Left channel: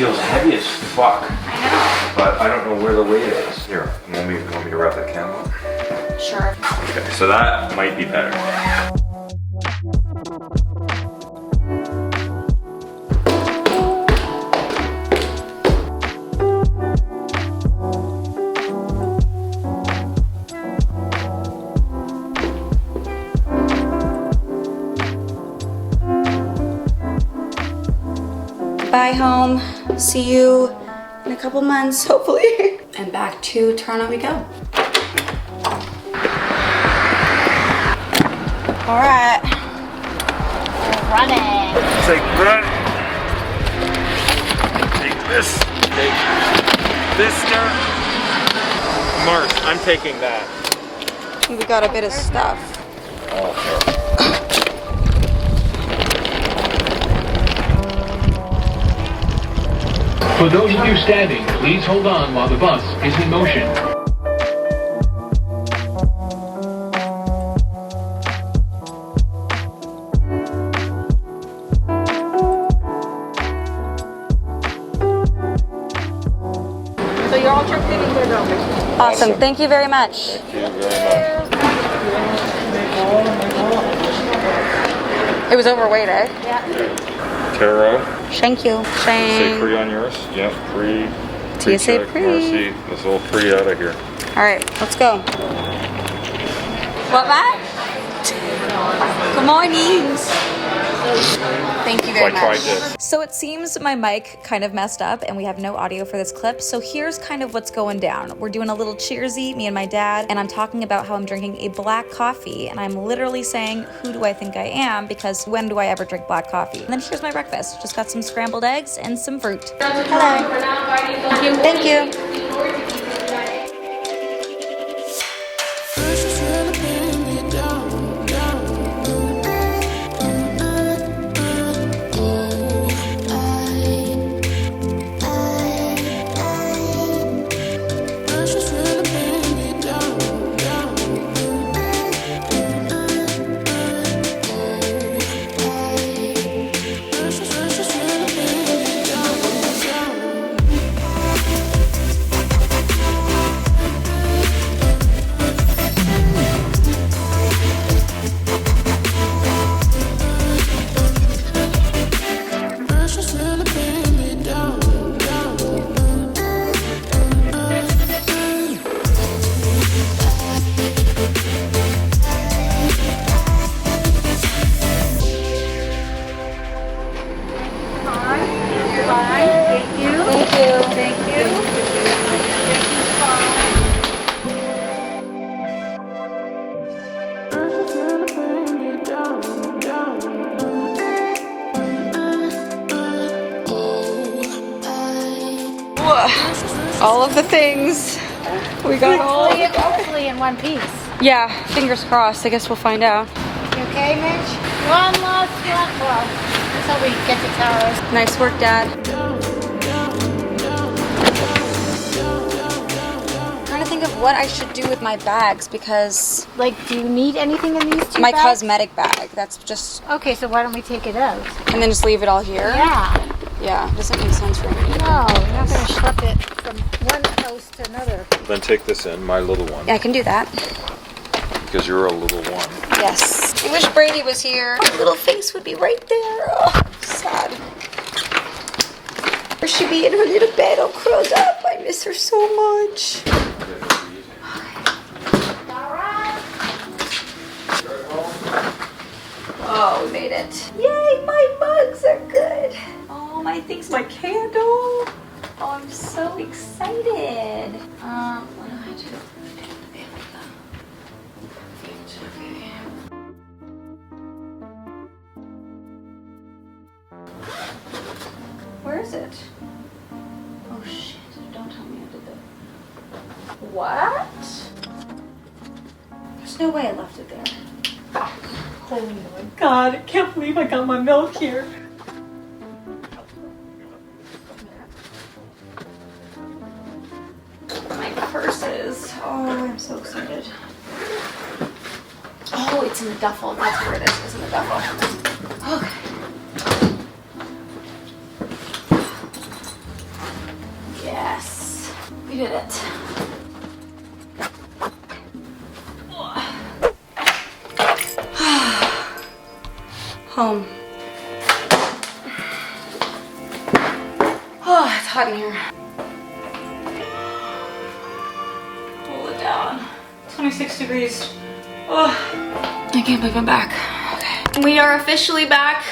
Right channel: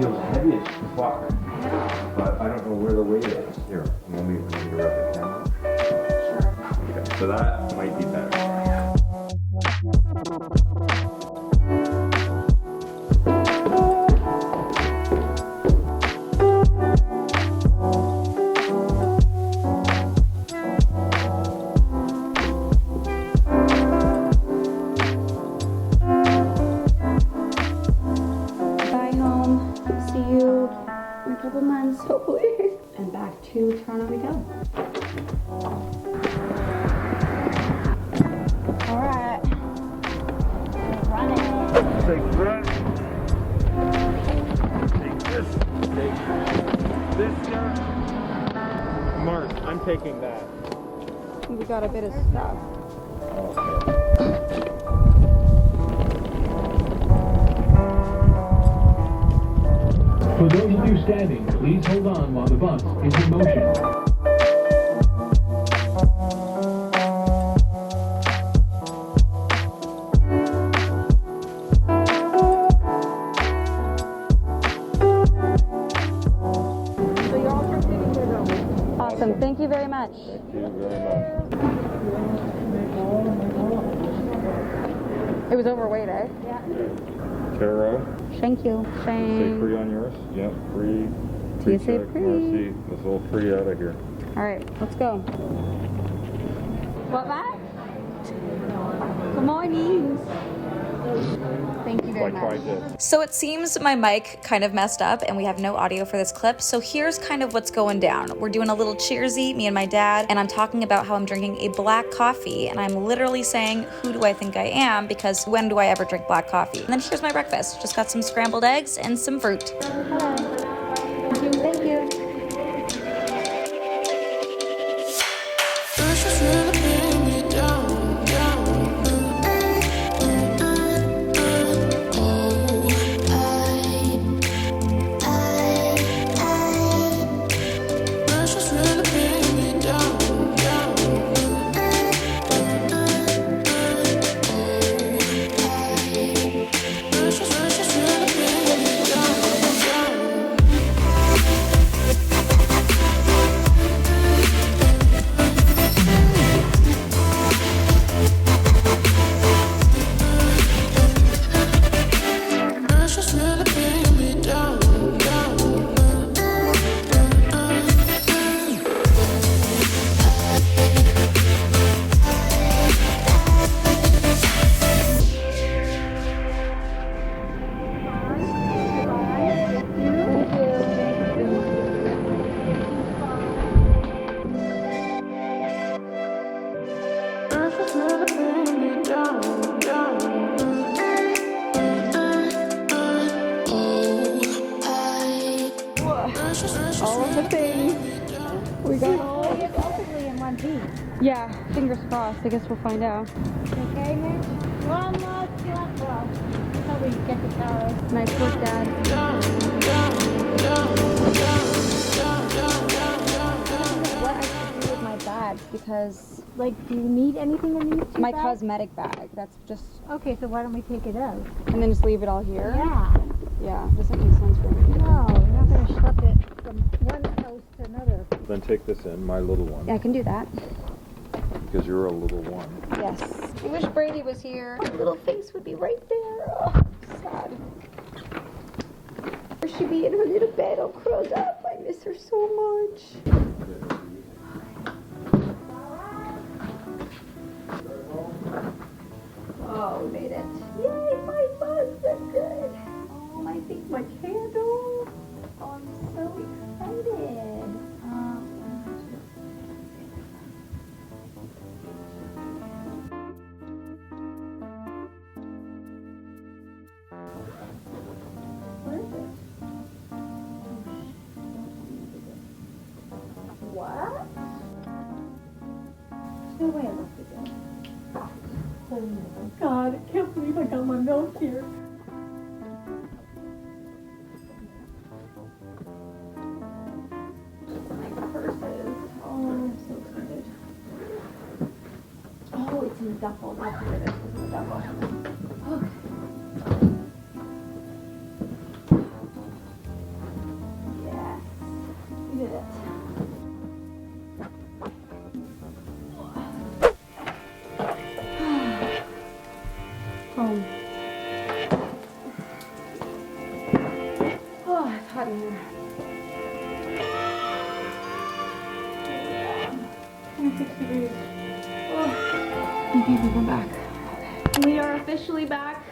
feels heavy as fuck. I know. But I don't know where the weight is. Here, want me to wrap the candle? Sure. Okay, so that might be better. Bye home. See you in a couple months, hopefully. And back to Toronto we go. All right. We're running. Take that. Take this. Take this stuff. Mars, I'm taking that. We got a bit of stuff. For those of you standing, please hold on while the bus is in motion. So you're all tricked in here, though. Awesome. Thank you very much. Thank you very much. It was overweight, eh? Yeah. Taro, Thank you. say pre on yours? Yeah, pre. Do you say Pre-check, pre? Marcy, let's all pre out of here. All right, let's go. What, Matt? Good morning. Thank you very So I tried much. this. So it seems my mic kind of messed up and we have no audio for this clip. So here's kind of what's going down. We're doing a little cheersy, me and my dad, and I'm talking about how I'm drinking a black coffee and I'm literally saying, who do I think I am? Because when do I ever drink black coffee? And then here's my breakfast. Just got some scrambled eggs and some fruit. Hello. Thank you. All of the things. We got all. Hopefully in one piece. Yeah, fingers crossed. I guess we'll find out. You okay, Mitch? One last one. Well, until we get to Taros. Nice work, Dad. I'm trying to think of what I should do with my bags because Like, do you need anything in these two my bags? cosmetic bag. That's just, Okay, so why don't we take it out? and then just leave it all here. Yeah. Yeah, doesn't make sense for me. No, you're not going to schlep it from one house to another. Then take this in, my little one, Yeah, I can do that. because you're a little one. Yes. I wish Brady was here. Her little face would be right there. Oh, sad. Or she'd be in her little bed all curled up. I miss her so much. Oh, we made it. Yay, my mugs are good. Oh, my thing's my candle. Oh, I'm so excited. Where is it? Oh shit, don't tell me I did that. What? There's no way I left it there. Oh my god, I can't believe I got my milk here. My purses. Oh, I'm so excited. Oh, it's in the duffel. That's where it is. It's in the duffel. Okay. did it. Home. Oh, it's hot in here. Pull it down. 26 degrees. Oh, I can't believe I'm back. Okay. We are officially back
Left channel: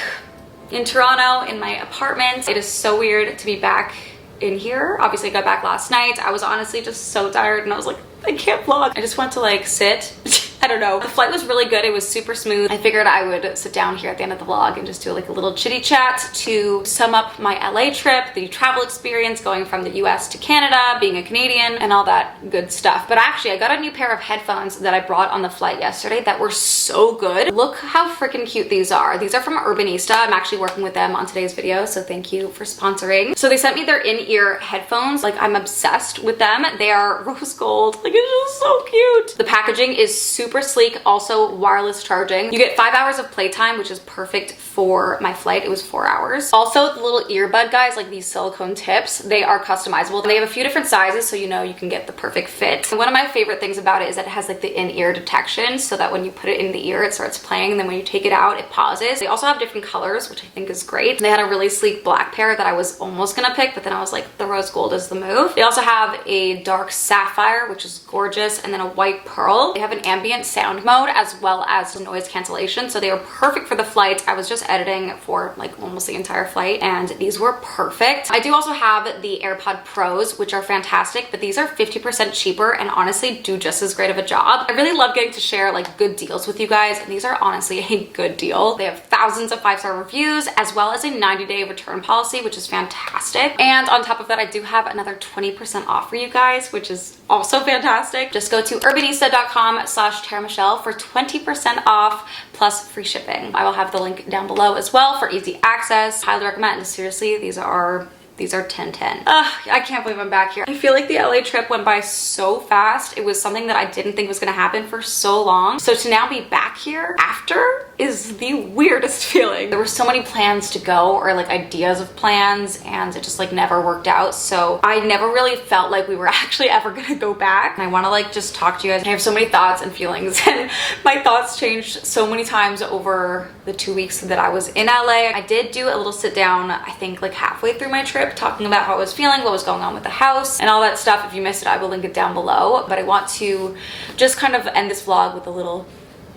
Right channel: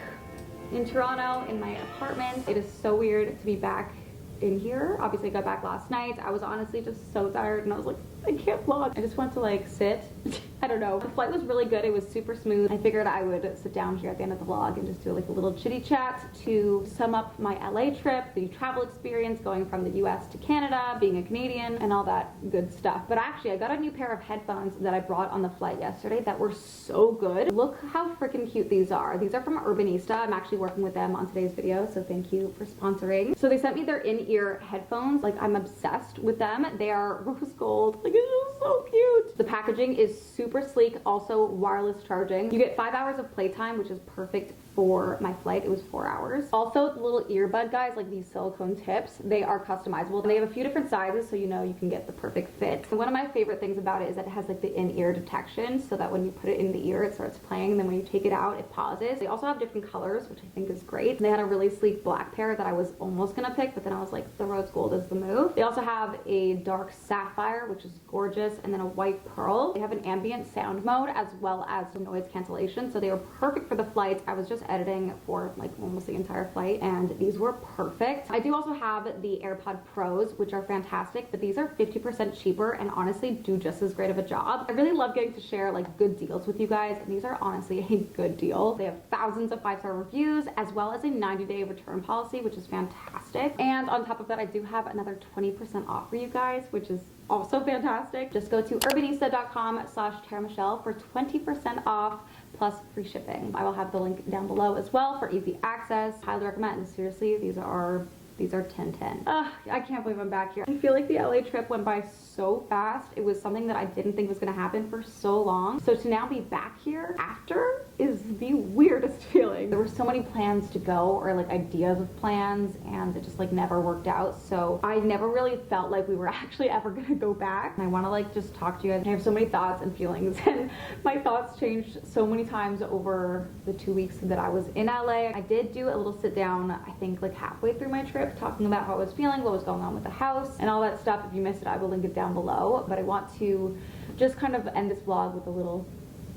in Toronto in my apartment. It is so weird to be back in here. Obviously I got back last night. I was honestly just so tired and I was like, I can't vlog. I just want to like sit. I don't know. The flight was really good. It was super smooth. I figured I would sit down here at the end of the vlog and just do like a little chitty chat to sum up my LA trip, the travel experience going from the US to Canada, being a Canadian and all that good stuff. But actually I got a new pair of headphones that I brought on the flight yesterday that were so good. Look how freaking cute these are. These are from Urbanista. I'm actually working with them on today's video, so thank you for sponsoring. So they sent me their in-ear headphones. Like I'm obsessed with them. They are rose gold. Like it's just so cute. The packaging is super sleek, also wireless charging. You get 5 hours of playtime, which is perfect for my flight. It was 4 hours. Also the little earbud guys, like these silicone tips, they are customizable. They have a few different sizes, so you know you can get the perfect fit. And one of my favorite things about it is that it has like the in-ear detection, so that when you put it in the ear, it starts playing, and then when you take it out, it pauses. They also have different colors, which I think is great. And they had a really sleek black pair that I was almost gonna pick, but then I was like, the rose gold is the move. They also have a dark sapphire, which is gorgeous, and then a white pearl. They have an ambient sound mode as well as noise cancellation, so they were perfect for the flight. I was just editing for like almost the entire flight and these were perfect. I do also have the AirPod Pros, which are fantastic, but these are 50% cheaper and honestly do just as great of a job. I really love getting to share like good deals with you guys, and these are honestly a good deal. They have thousands of 5-star reviews as well as a 90-day return policy, which is fantastic. And on top of that, I do have another 20% off for you guys, which is also fantastic. Just go to urbanista.com/TaraMichelle for 20% off plus free shipping. I will have the link down below as well for easy access. Highly recommend. Seriously, these are 10/10. I can't believe I'm back here. I feel like the LA trip went by so fast. It was something that I didn't think was gonna happen for so long. So to now be back here after is the weirdest feeling. There were so many plans to go, or like ideas of plans, and it just like never worked out. So I never really felt like we were actually ever gonna go back. And I wanna like just talk to you guys. I have so many thoughts and feelings and my thoughts changed so many times over the 2 weeks that I was in LA. I did do a little sit down, I think like halfway through my trip, talking about how I was feeling, what was going on with the house and all that stuff. If you missed it, I will link it down below. But I want to just kind of end this vlog with a little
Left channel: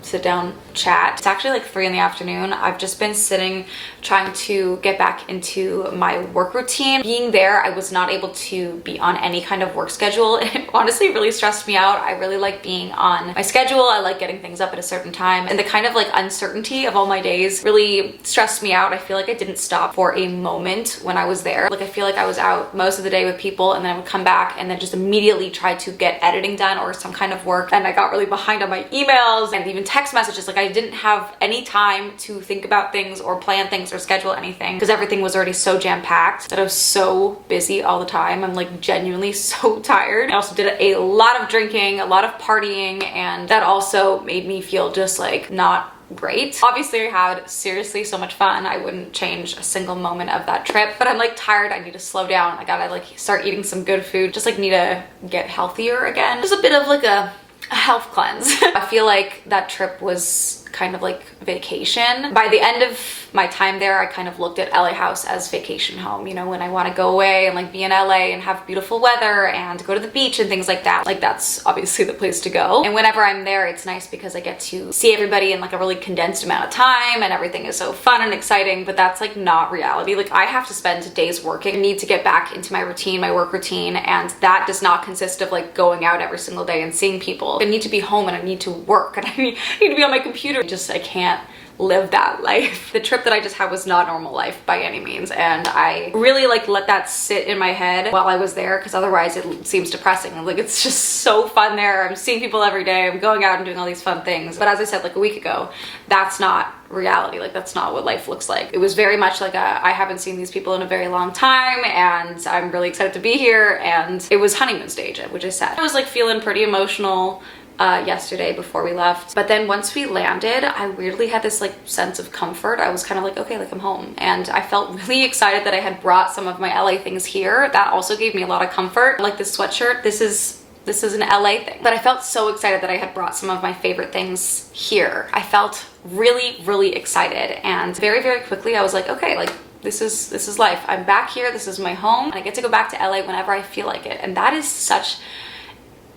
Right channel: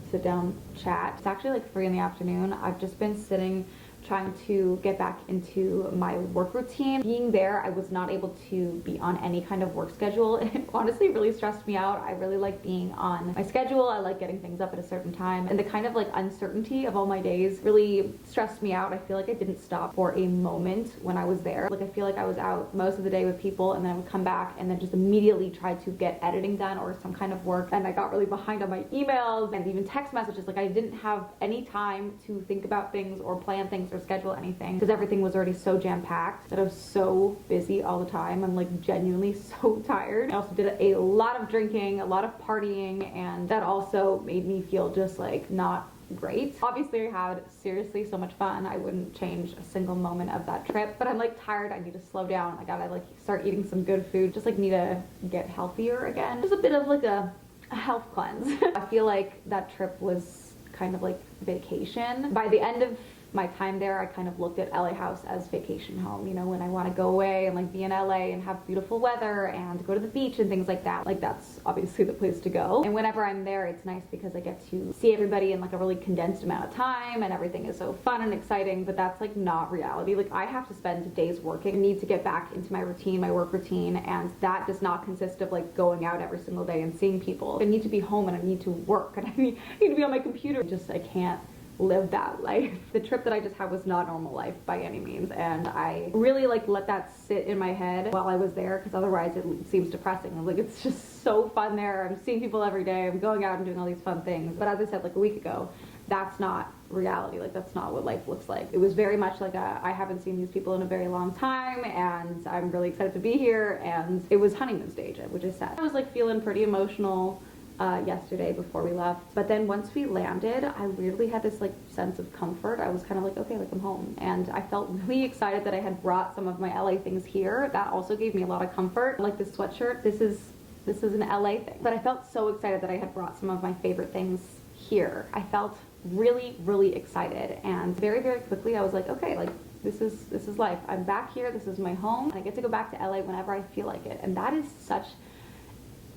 sit down chat. It's actually like 3 in the afternoon. I've just been sitting trying to get back into my work routine. Being there, I was not able to be on any kind of work schedule. It honestly really stressed me out. I really like being on my schedule. I like getting things up at a certain time, and the kind of like uncertainty of all my days really stressed me out. I feel like I didn't stop for a moment when I was there. Like I feel like I was out most of the day with people, and then I would come back and then just immediately try to get editing done or some kind of work, and I got really behind on my emails and even text messages. Like I didn't have any time to think about things or plan things or schedule anything because everything was already so jam-packed that I was so busy all the time. I'm like genuinely so tired. I also did a lot of drinking, a lot of partying, and that also made me feel just like not great. Obviously I had seriously so much fun. I wouldn't change a single moment of that trip, but I'm like tired. I need to slow down. I gotta like start eating some good food. Just like need to get healthier again. Just a bit of like a health cleanse. I feel like that trip was kind of like vacation. By the end of my time there, I kind of looked at LA House as vacation home. You know, when I want to go away and like be in LA and have beautiful weather and go to the beach and things like that, like that's obviously the place to go. And whenever I'm there, it's nice because I get to see everybody in like a really condensed amount of time and everything is so fun and exciting, but that's like not reality. Like I have to spend days working. I need to get back into my routine, my work routine, and that does not consist of like going out every single day and seeing people. I need to be home and I need to work and I need to be on my computer. I can't live that life. The trip that I just had was not normal life by any means, and I really like let that sit in my head while I was there because otherwise it seems depressing. Like it's just so fun there. I'm seeing people every day. I'm going out and doing all these fun things. But as I said like a week ago, that's not reality. Like that's not what life looks like. It was very much like I haven't seen these people in a very long time and I'm really excited to be here, and it was honeymoon stage, which I said. I was like feeling pretty emotional, yesterday before we left. But then once we landed, I weirdly had this like sense of comfort. I was kind of like, okay, like I'm home. And I felt really excited that I had brought some of my LA things here. That also gave me a lot of comfort. Like this sweatshirt, this is an LA thing. But I felt so excited that I had brought some of my favorite things here. I felt really, really excited. And very, very quickly I was like, okay, like this is life. I'm back here, this is my home, and I get to go back to LA whenever I feel like it. And that is such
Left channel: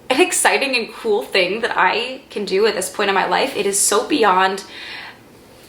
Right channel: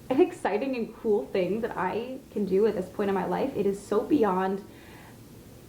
an exciting and cool thing that I can do at this point in my life. It is so beyond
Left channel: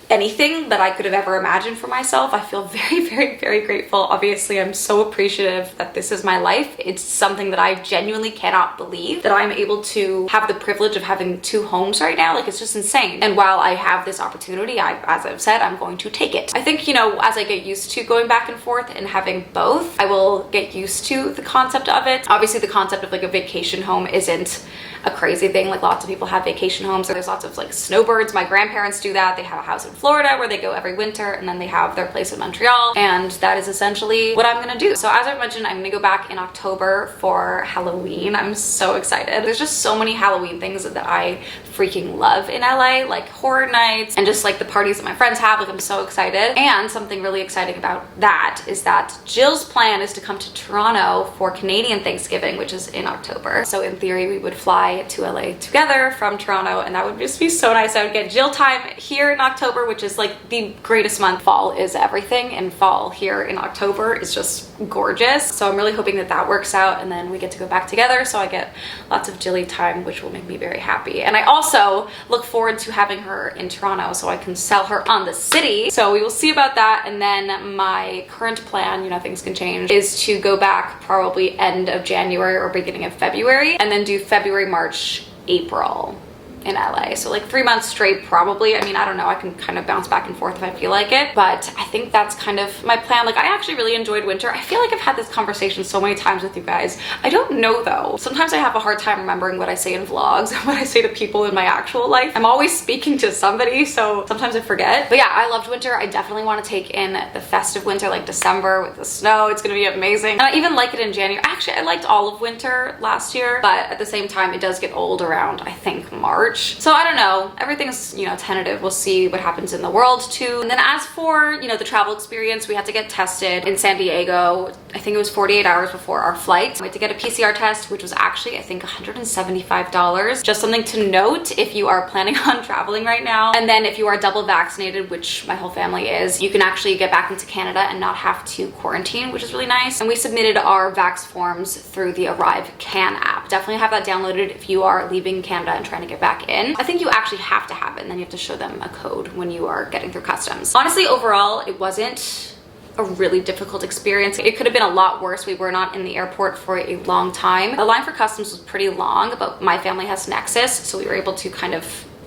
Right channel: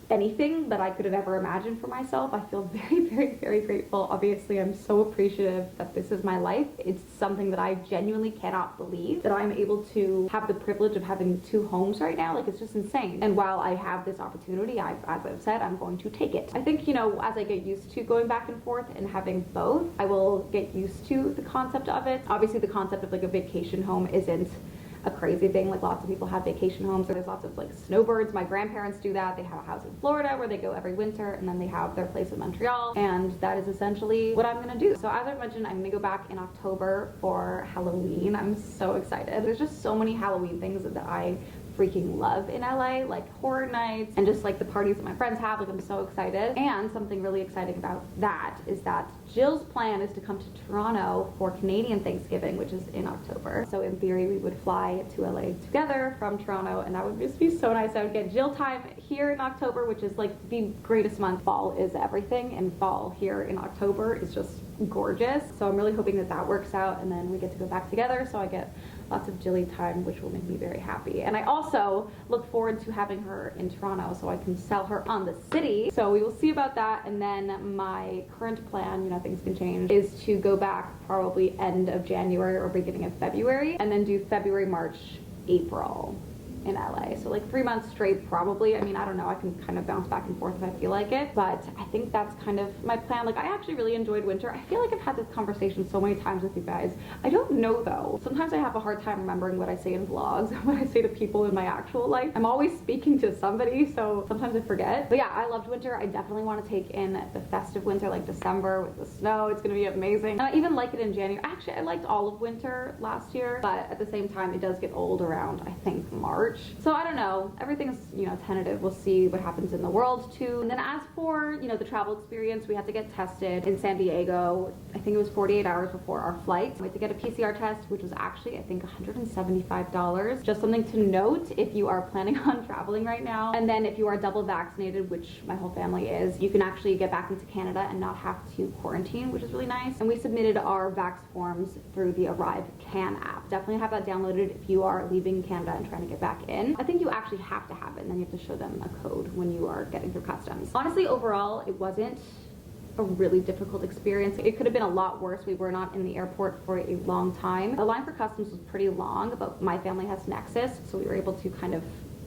anything that I could have ever imagined for myself. I feel very, very, very grateful. Obviously, I'm so appreciative that this is my life. It's something that I genuinely cannot believe that I'm able to have the privilege of having 2 homes right now. Like, it's just insane. And while I have this opportunity, as I've said, I'm going to take it. I think, you know, as I get used to going back and forth and having both, I will get used to the concept of it. Obviously, the concept of like a vacation home isn't a crazy thing. Like, lots of people have vacation homes. There's lots of like snowbirds. My grandparents do that. They have a house in Florida where they go every winter, and then they have their place in Montreal, and that is essentially what I'm gonna do. So as I've mentioned, I'm gonna go back in October for Halloween. I'm so excited. There's just so many Halloween things that I freaking love in LA, like horror nights and just like the parties that my friends have. Like, I'm so excited. And something really exciting about that is that Jill's plan is to come to Toronto for Canadian Thanksgiving, which is in October. So in theory, we would fly to LA together from Toronto, and that would just be so nice. I would get Jill time here in October, which is like the greatest month. Fall is everything, and fall here in October is just gorgeous. So I'm really hoping that that works out, and then we get to go back together, so I get lots of Jilly time, which will make me very happy. And I also look forward to having her in Toronto so I can sell her on the city. So we will see about that. And then my current plan, you know, things can change, is to go back probably end of January or beginning of February, and then do February, March, April in LA. So like 3 months straight probably. I mean, I don't know, I can kind of bounce back and forth if I feel like it, but I think that's kind of my plan. Like, I actually really enjoyed winter. I feel like I've had this conversation so many times with you guys. I don't know though. Sometimes I have a hard time remembering what I say in vlogs and what I say to people in my actual life. I'm always speaking to somebody, so sometimes I forget. But yeah, I loved winter. I definitely want to take in the festive winter, like December with the snow. It's gonna be amazing. And I even like it in January. Actually, I liked all of winter last year, but at the same time, it does get old around, I think, March. So I don't know, everything's, you know, tentative. We'll see what happens in the world too. And then as for, you know, the travel experience, we had to get tested in San Diego. I think it was 48 hours before our flight. We had to get a PCR test, which was actually, I think, $175. Just something to note if you are planning on traveling right now. And then if you are double vaccinated, which my whole family is, you can actually get back into Canada and not have to quarantine, which is really nice. And we submitted our vax forms through the Arrive Can app. Definitely have that downloaded if you are leaving Canada and trying to get back in. I think you actually have to have it, and then you have to show them a code when you are getting through customs. Honestly, overall, it wasn't a really difficult experience. It could have been a lot worse. We were not in the airport for a long time. The line for customs was pretty long, but my family has Nexus, so we were able to kind of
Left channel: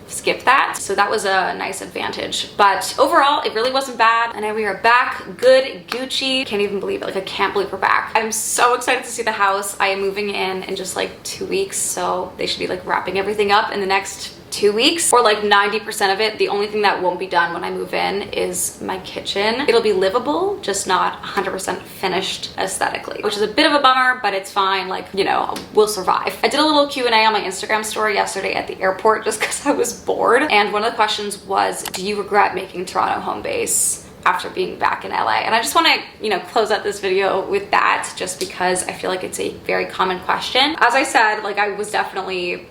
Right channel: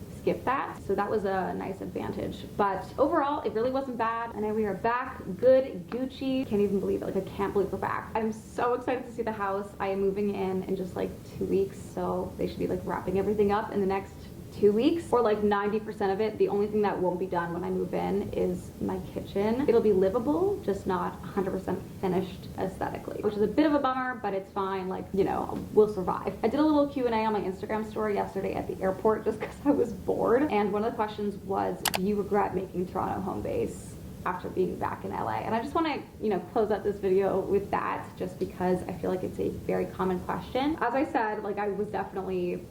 skip that. So that was a nice advantage. But overall, it really wasn't bad. And now we are back, good, Gucci. Can't even believe it. Like, I can't believe we're back. I'm so excited to see the house. I am moving in just like 2 weeks, so they should be like wrapping everything up in the next 2 weeks, or like 90% of it. The only thing that won't be done when I move in is my kitchen. It'll be livable, just not 100% finished aesthetically, which is a bit of a bummer, but it's fine. Like, you know, we'll survive. I did a little Q&A on my Instagram story yesterday at the airport just because I was bored. And one of the questions was, do you regret making Toronto home base after being back in LA? And I just want to, you know, close out this video with that, just because I feel like it's a very common question. As I said, like, I was definitely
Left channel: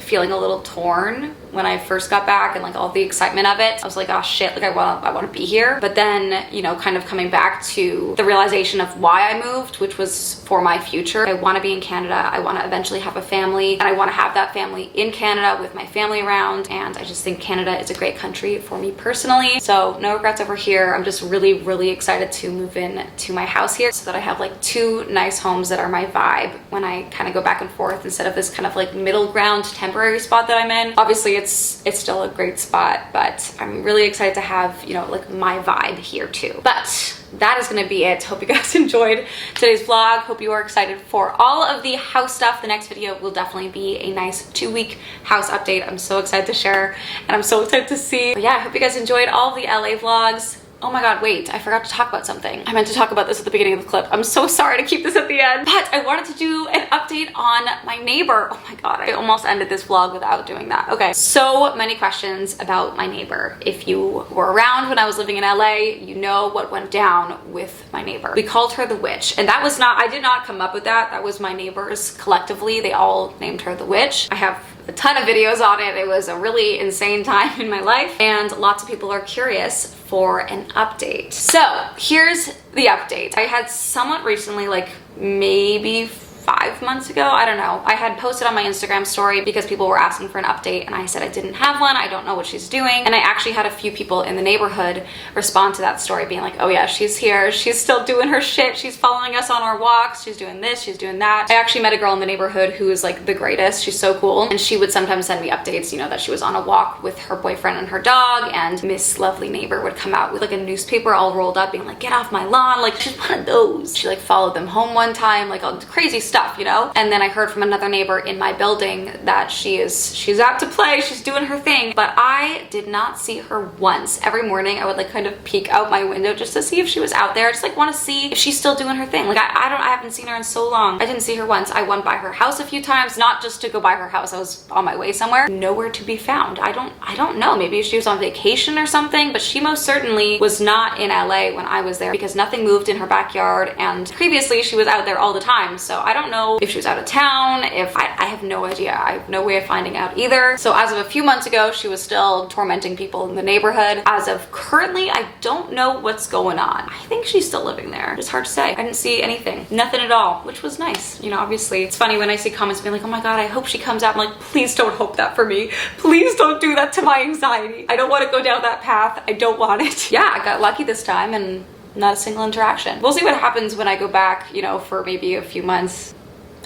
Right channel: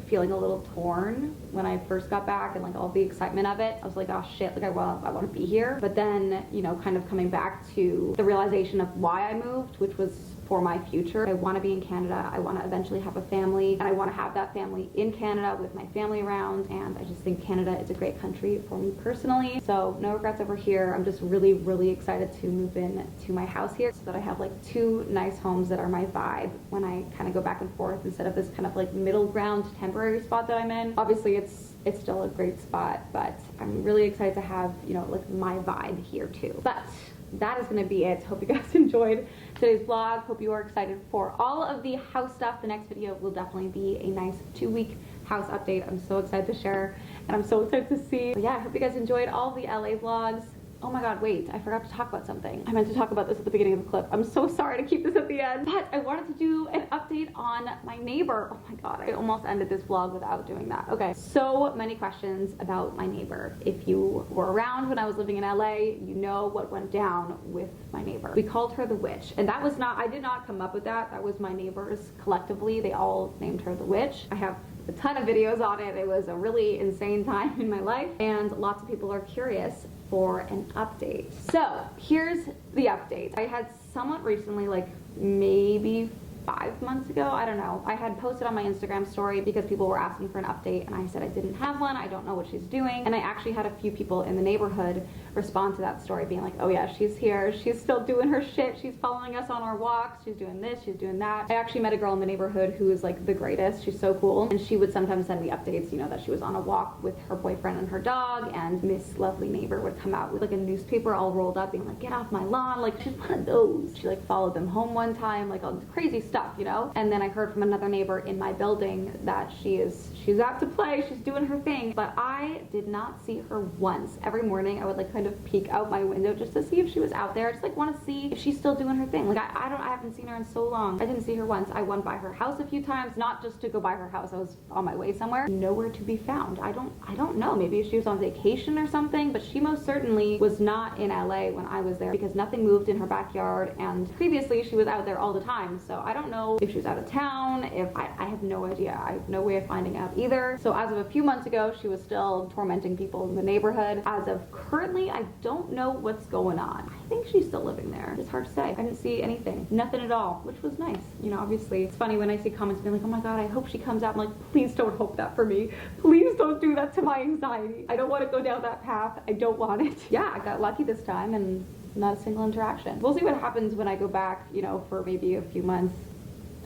feeling a little torn when I first got back, and like all the excitement of it. I was like, oh shit, like I want to be here. But then, you know, kind of coming back to the realization of why I moved, which was for my future. I want to be in Canada. I want to eventually have a family, and I want to have that family in Canada with my family around. And I just think Canada is a great country for me personally. So no regrets over here. I'm just really, really excited to move in to my house here so that I have like 2 nice homes that are my vibe when I kind of go back and forth, instead of this kind of like middle ground temporary spot that I'm in. Obviously it's still a great spot, but I'm really excited to have, you know, like my vibe here too. But that is gonna be it. Hope you guys enjoyed today's vlog. Hope you are excited for all of the house stuff. The next video will definitely be a nice 2-week house update. I'm so excited to share, and I'm so excited to see. But yeah, I hope you guys enjoyed all the LA vlogs. Oh my God, wait, I forgot to talk about something. I meant to talk about this at the beginning of the clip. I'm so sorry to keep this at the end, but I wanted to do an update on my neighbor. Oh my God, I almost ended this vlog without doing that. Okay, so many questions about my neighbor. If you were around when I was living in LA, you know what went down with my neighbor. We called her the witch, and that was not, I did not come up with that. That was my neighbors collectively. They all named her the witch. I have a ton of videos on it. It was a really insane time in my life, and lots of people are curious for an update. So here's the update. I had somewhat recently, like maybe 5 months ago, I don't know, I had posted on my Instagram story because people were asking for an update, and I said I didn't have one, I don't know what she's doing. And I actually had a few people in the neighborhood respond to that story being like, oh yeah, she's here, she's still doing her shit, she's following us on our walks, she's doing this, she's doing that. I actually met a girl in the neighborhood who is like the greatest, she's so cool, and she would sometimes send me updates, you know, that she was on a walk with her boyfriend and her dog, and Miss Lovely Neighbor would come out with like a newspaper all rolled up being like, get off my lawn, like she's one of those. She like followed them home one time, like all crazy stuff, you know? And then I heard from another neighbor in my building that she's out to play, she's doing her thing, but I did not see her once. Every morning I would like kind of peek out my window just to see if she was out there. I just like want to see if she's still doing her thing. Like I haven't seen her in so long. I didn't see her once. I went by her house a few times, not just to go by her house. I was on my way somewhere. Nowhere to be found. I don't know. Maybe she was on vacation or something, but she most certainly was not in LA when I was there because nothing moved in her backyard, and previously she was out there all the time. So I don't know if she was out of town, if I have no idea. I have no way of finding out either. So as of a few months ago, she was still tormenting people in the neighborhood. As of currently, I don't know what's going on. I think she's still living there. It's hard to say. I didn't see anything, nothing at all, which was nice. You know, obviously it's funny when I see comments being like, oh my God, I hope she comes out. I'm like, please don't hope that for me. Please don't do that to my anxiety. I don't want to go down that path. I don't want it. Yeah, I got lucky this time and not a single interaction. We'll see what happens when I go back, you know, for maybe a few months.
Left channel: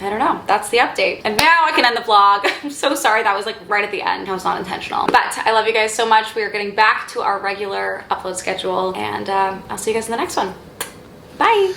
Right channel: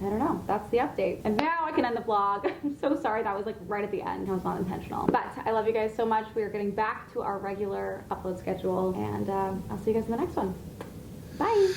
I don't know. That's the update. And now I can end the vlog. I'm so sorry. That was like right at the end. That was not intentional. But I love you guys so much. We are getting back to our regular upload schedule, and I'll see you guys in the next one. Bye.